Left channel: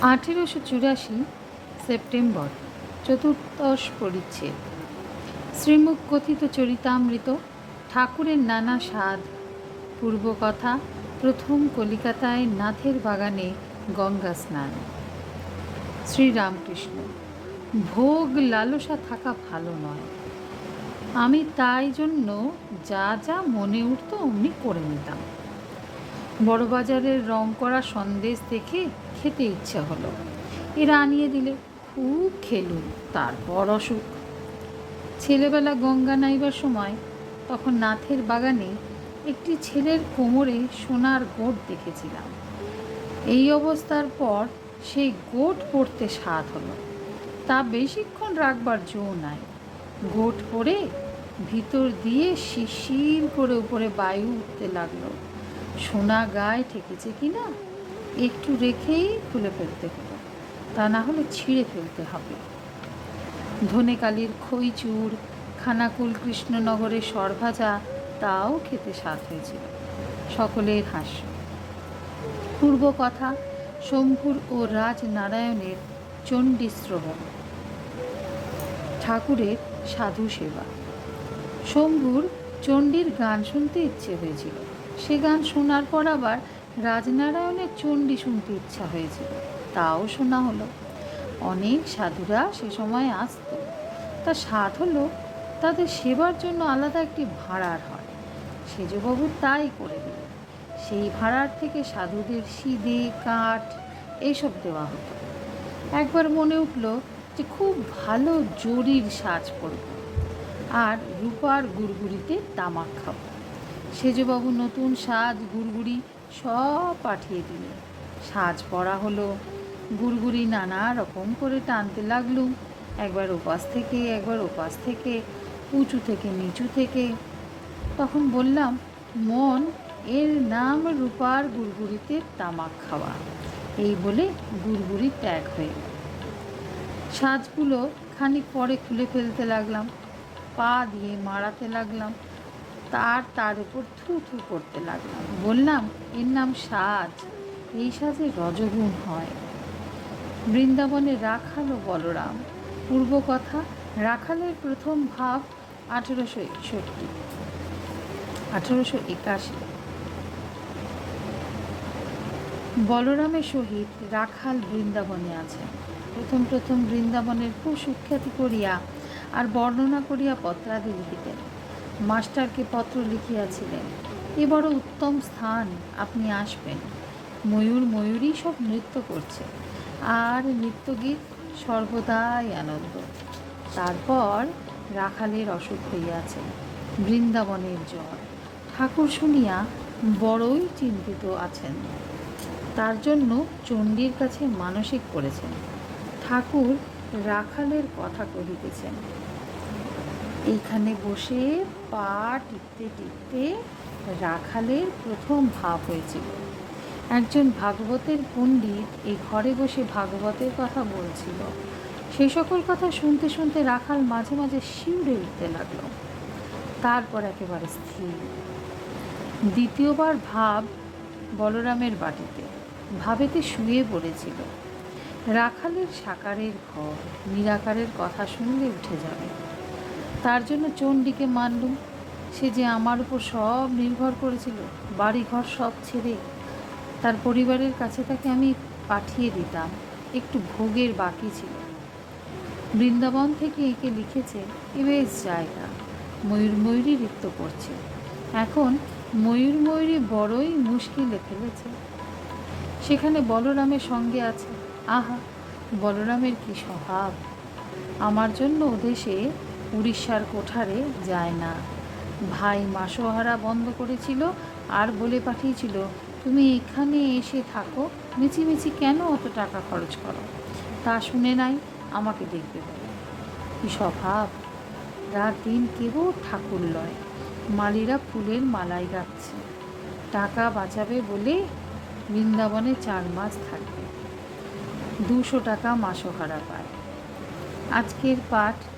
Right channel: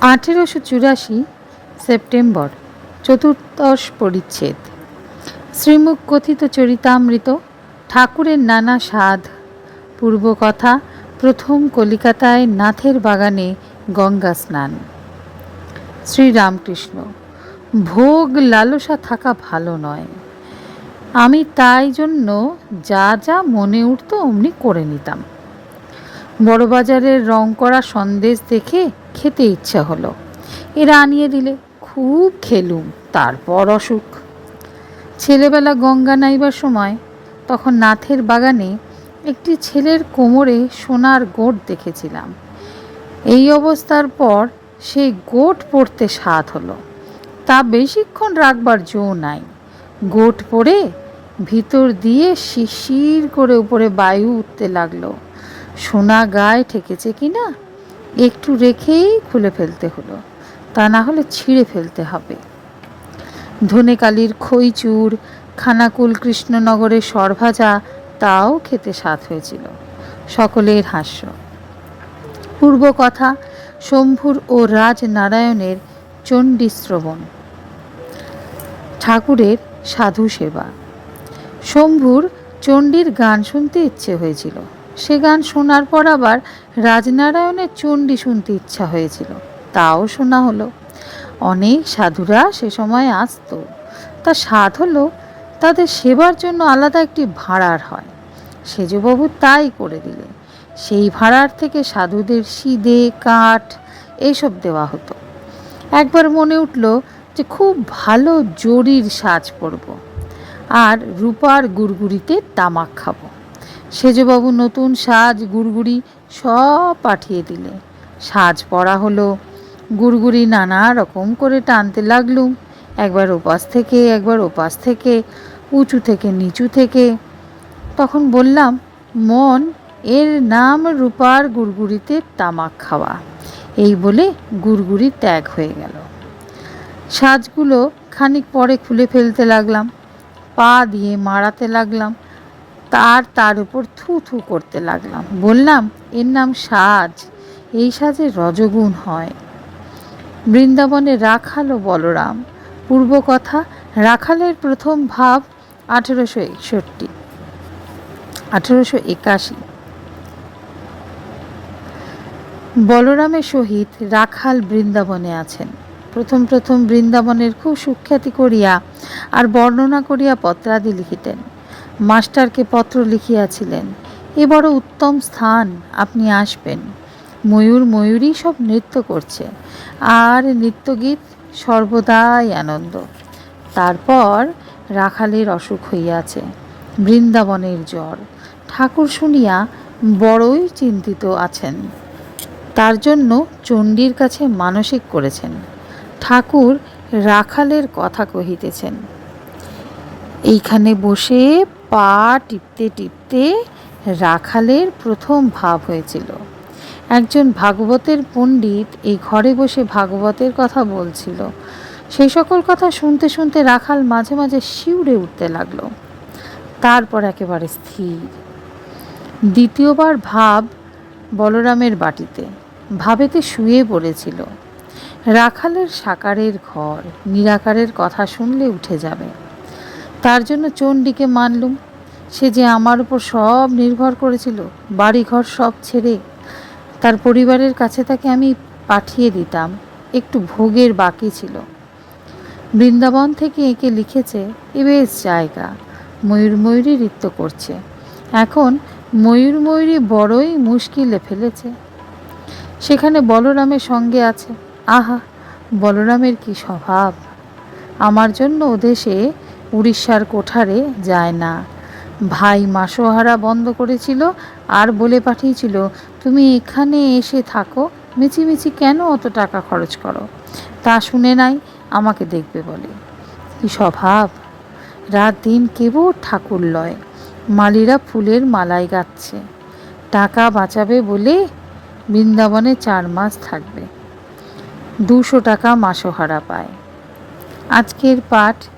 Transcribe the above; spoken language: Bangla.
আঠেরোশো চুরাশি সেপ্টেম্বর, চতুর্দশ পরিচ্ছেদ। শ্রীমুখ কথিত চরিতামৃত, ঠাকুরের নানা স্বাদ। পূর্বকথা, প্রথম কলিকাতায় নাথের বাগানে গঙ্গা স্নান। শ্রীরামকৃষ্ণ, ভোগ লালসা থাকা ভালো নয়। আমি তাই জন্য যা যা মনে উঠতো অমনি করে নিতাম। বড়বাজারের রং করা সন্দেশ দেখে খেতে ইচ্ছা হলো। এরা আনিয়ে দিলে, খুব খেলুম, তারপর অসুখ। ছেলেবেলা গঙ্গা নাইবার সময় তখন নাথের বাগানে একটি ছেলের কোমরে সোনার গোট দেখেছিলাম। এই অবস্থার পর সেই গোট পড়তে স্বাদ হলো। তা বেশিক্ষণ রাখবার জো নাই। গোট পড়ে ভিতর দিয়ে শিশির করে উপরে বায়ু উঠতে লাগল। সোনা গায়ে ঠেকেছে কি না একটু রেখেই খুলে ফেলতে হলো। তা না হলে ছিঁড়ে ফেলতে হবে। ধনেকালির খইচুর, খানাকুল কৃষ্ণনগরের সরভাজা, তাও খেতে স্বাদ হয়েছিল। সকলের হাস্য। পূর্ব কথা, শম্ভুর ও রাজনারায়ণের চণ্ডী শ্রবণ ঠাকুরের সাধু সেবা শম্ভুর চণ্ডীর গান শুনতে ইচ্ছে হয়েছিল। সে গান শোনার পর আবার রাজনারায়ণের চণ্ডী শুনতে ইচ্ছা হয়েছিল। তাও শোনা হলো। অনেক সাধুরা সে সময় আসতো। তা সাধ হলো, তাদের সেবার জন্য আলাদা একটি ভাড়ার হয়। সেজবাবু তাই করে দিলেন। সেই ভাড়ার থেকে সাধুদের সিদে, কাঠ এইসব দেওয়া হতো। একবার মনে উঠল যে খুব ভালো জরির সাজ পরব। আর রূপার গুড়গুড়িতে তামাক খাব। সেজবাবু নতুন সাজ, গুড়গুড়ি সব পাঠিয়ে দিলে। সাজ পরা হলো। গুড়গুড়ি নানা রকম করে টানতে লাগলুম। একবার ওপাশ থেকে, একবার ওপাশ থেকে, উঁচু থেকে, নিচু থেকে। তখন বললাম, মন, এর নাম রূপার গুড়গুড়িতে তামাক খাওয়া। এই বলে গুড়গুড়ি ত্যাগ হয়ে গেল। সাজগুলো খানিক পরে খুলে ফেলতে লাগলাম। পা দিয়ে মারাতে লাগলাম। তার তার উপর থু থু করতে লাগলাম। বললাম, এর নাম সাজ। এই সাজে রজগুণ হয়। বৃন্দাবনে রাখাল ও বলরাম। পূর্ব কথা, রাখালের প্রথম ভাব আঠেরোশো একষট্টি। আঠেরোশো একাশি। বলরামের সহিত রাখাল বৃন্দাবনে আছেন। প্রথম প্রথম বৃন্দাবনের খুব সুখ্যাতি করিয়া আর বর্ণনা করিয়া পত্রাদি লিখিতেন। মাস্টারকে পত্র লিখিয়াছিলেন, এ বড় উত্তম স্থান, আপনি আসবেন। ময়ূর ময়ূরই সব নৃত্য করছে, আর নৃত্যগীত সর্বদাই আনন্দ। তারপর রাখালের অসুখ হইয়াছে, বৃন্দাবনের জ্বর। ঠাকুর শুনিয়া বড়ই চিন্তিত আছেন। তার জন্য চণ্ডীর কাছে মানসিক করেছেন। ঠাকুর রাখালের কথা কহিতেছেন এইখানে বসে পা টিপতে টিপতে রাখালের প্রথম ভাব হয়েছিল। একজন ভাগবতের পণ্ডিত এই ঘরে বসে ভাগবতের কথা বলছিল। সেই সকল কথা শুনতে শুনতে রাখাল মাঝে মাঝে শিউরে উঠতে লাগল। তারপর একেবারে স্থির। দ্বিতীয়বার ভাব বলরামের বাটিতে, ভাবেতে শুয়ে পড়েছিল। রাখালের সাকারের ঘর, নিরাকারের কথা শুনলে উঠে যাবে। তার জন্য চণ্ডীকে মানলুম। সে যে আমার উপর সব নির্ভর করেছিল, বাড়িঘর সব ছেড়ে তার পরিবারের কাছে তাকে আমি পাঠিয়ে দিতাম। একটু ভোগের বাকি ছিল। বৃন্দাবন থেকে একে লিখেছে, এ বেশ জায়গা, ময়ূর ময়ূরী নৃত্য করছে। এখন ময়ূর ময়ূরী বড়ই মুশকিলে ফেলেছে। সেখানে বলরামের সঙ্গে আছে। আহা, বলরামের কি স্বভাব? আমার জন্য ওদেশে দেশে উড়িষ্যার কোঠারে যায় না। ভাই মাসোহারা বন্ধ করেছিল আর বলে পাঠিয়েছিল, তুমি এখানে এসে থাকো, মিছিমিছি কেন অত টাকা খরচ করো? তা শুনে নাই, আমাকে দেখবে বলে। কি স্বভাব? রাত দিন কেবল ঠাকুর লয়, মালিরা ফুলের মালাই গাচ্ছে। টাকা বাঁচাবে বলে বৃন্দাবনে চার মাস থাকবে। দুশো টাকা মাসোহারা পায়। আজকের পাঠ